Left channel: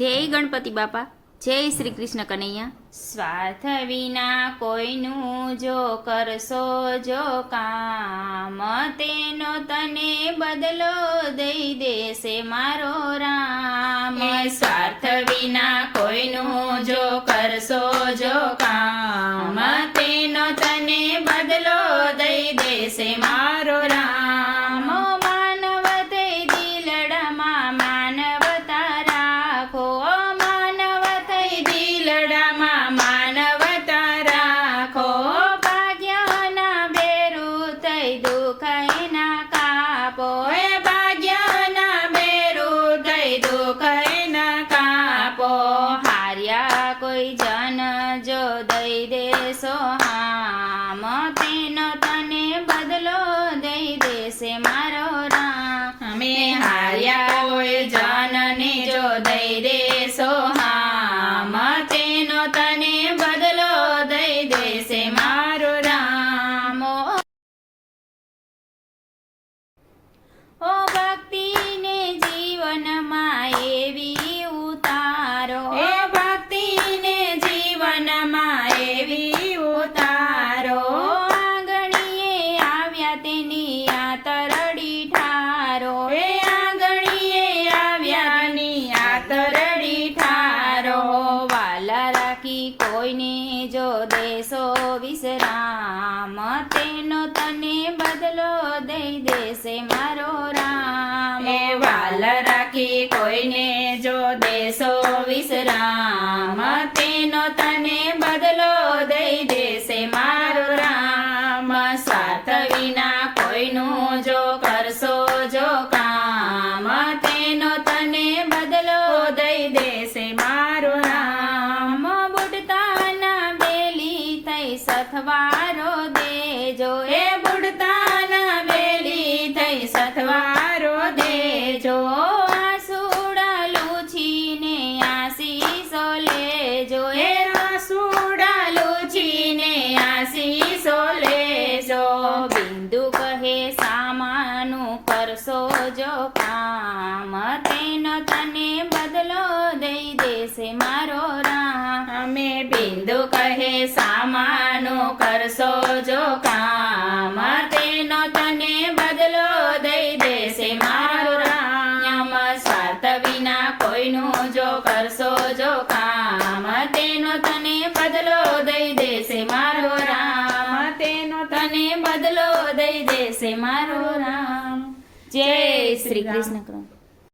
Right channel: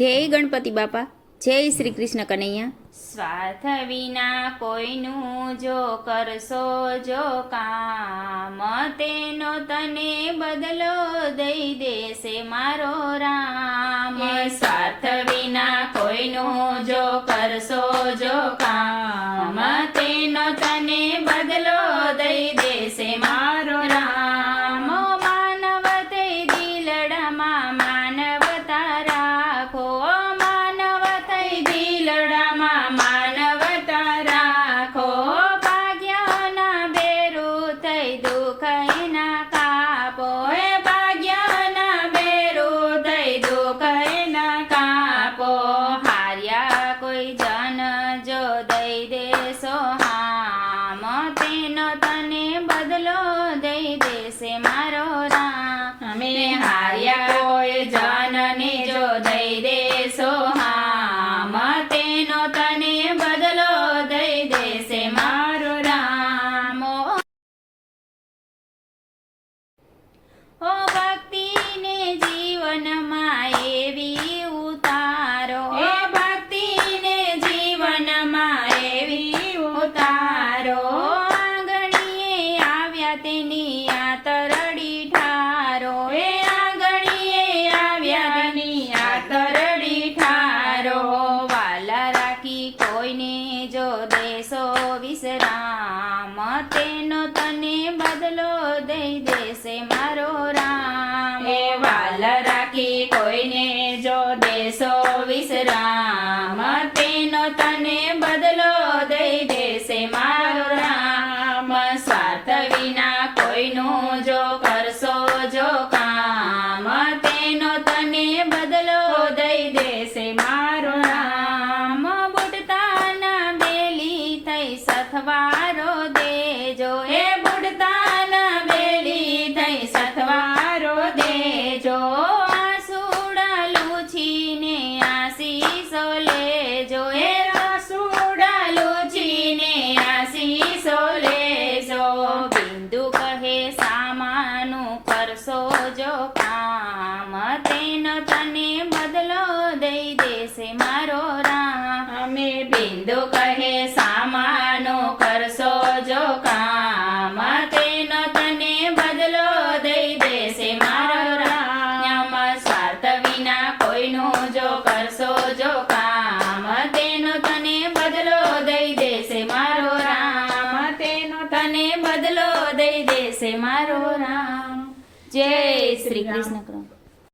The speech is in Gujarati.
જય ગણપતિ બાપા, જય શ્રી કૃષ્ણ કનૈયા। સ્વાર્થ વિના કોઈનું જો કરશો જો કામ, તેનો તને બદલો દઈ દેશે મારો રામ। સ્વાર્થ વિના કોઈનું જો કરશો જો કામ, તેનો તને બદલો દઈ દેશે મારો રામ। માનવ તે દિલડામાં માનવતા રાખો, માનવ તે દિલડામાં માનવતા રાખો। ભાગ્યના બેરું થઈ દુઃખ એના કાપો, એ ભાગ્યના બેરું થઈ દુઃખ એના કાપો। હાર્યા કોઈ જન જો દઈ દેશો હામ, તેનો તને બદલો દઈ દેશે મારો રામ। અમે હાર્યા કોઈ જનને જો દઈ દેશો હામ, તેનો તને બદલો દઈ દેશે મારો રામ। ઓ ભક્તિને જીવનમાં એવી ઉતારો, એ ભક્તિને જીવનમાં એવી ઉતારો। આંગણીએ આવ્યા તેની આતરડી ઠારો, એ આંગણીએ આવ્યા તેની આતરડી ઠારો। વાલા રાખી કોઈને જો દેશો વિશ્રામ, તેનો તને બદલો દઈ દેશે મારો રામ। એ વાલા રાખી કોઈને જો દેશો વિશ્રામ, તેનો તને બદલો દઈ દેશે મારો રામ। સ્વાર્થ વિના કોઈનું જો કરશો જો કામ, તેનો તને બદલો દઈ દેશે મારો રામ। બુડતાના બેલી થઈ સથવારો દેજો, એ બુડતાના બેલી થઈ સથવારો દેજો। આસુડા લૂછીને આશીષો લેજો, એ આસુડા લૂછીને આશીષો લેજો। બિંદુ કહે સામાનું કરશો જો કામ, તેનો તને બદલો દઈ દેશે મારો રામ। અમે બિંદુ કહે સામાનું કરશો જો કામ, તેનો તને બદલો દઈ દેશે મારો રામ। સ્વાર્થ વિના કોઈનું જો કરશો જો કામ, તેનો તને બદલો દઈ દેશે મારો રામ। તેનો તને બદલો દઈ દેશે મારો રામ। જય શ્રી કૃષ્ણ।